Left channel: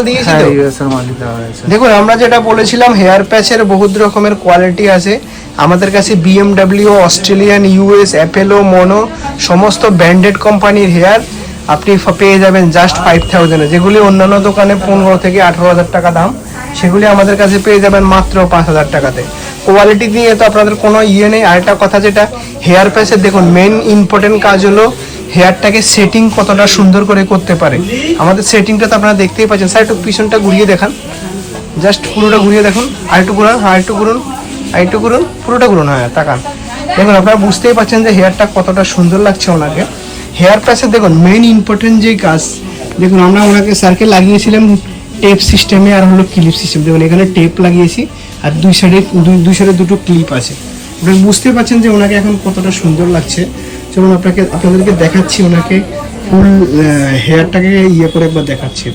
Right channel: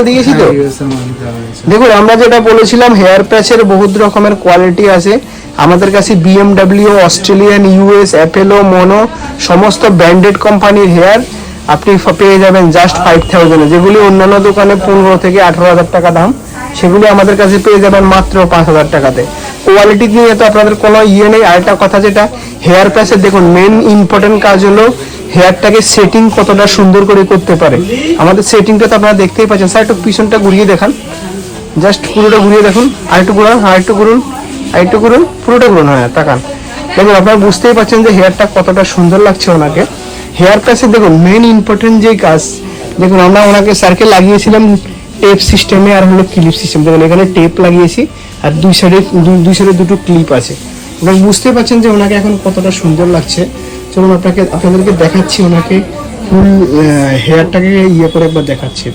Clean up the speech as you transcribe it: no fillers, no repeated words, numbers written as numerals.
মাল দিয়েছি তো? ইউএস এর মালই দেওয়া হয়েছে। দেখুন আমরা যেটা বলেছিলাম হেয়ার প্যাচের বহুত রকমের কোয়ালিটি আছে আমাদের কাছে, BMW, অস্ট্রেলিয়ান, ইউএস, অ্যাপেলো, মনো সমস্ত ব্র্যান্ডেড কোম্পানির হেয়ার আপনি পেয়ে যাবেন জাস্ট 5000, যেগুলি অন্যান্য দোকানে 15 থেকে 18,000 টাকা দাম, সেগুলি আমাদের কাছে পেয়ে যাবেন মাত্র 5,000 টাকাতে। কোয়ালিটি নিয়ে তো আপনাদের কোনো ইয়ে নেই। আরেকটা কথা যেটা হেয়ার প্যাচের, দেখুন মেন ইম্পর্টেন্ট কাজ হলো হেয়ারটাকে সেটিং কতটা সুন্দর করে করতে পারে। আমাদের সেটিংটা তো আপনারা দেখতেই পাচ্ছেন। স্যার একটু পিছনটা ঘুরিয়ে দেখান, জাস্ট পুরোটা ঘুরিয়ে দেখুন, আরেকটু ঘুরান, আরেকটু করুন, আরেকটু করুন, পুরোটা করুন। হ্যাঁ টাকা দেখুন, আপনারা বুঝতেই পারছেন যে হেয়ারটা কতটা সুন্দর লাগছে ওনাকে। হেয়ার প্যাচের দেখুন মেন ইম্পর্টেন্ট যে কাজ, দেখুন আমরা ওনাকে স্যারকে লাগিয়েছিলাম টেপ সিস্টেমে আর হলো ক্লিপ সিস্টেম। দেখুন এখানে টেপ লাগিয়েছি আর দুই সাইডে দুটো ক্লিপ আছে। আপনি বুঝতে পারছেন যে ওনাকে এখন কতটা সুন্দর লাগছে। চলুন আপনাদেরকে দেখাচ্ছি ওনাকে ফুল হেয়ারটাকে ইয়ে করে একবার দেখাচ্ছি।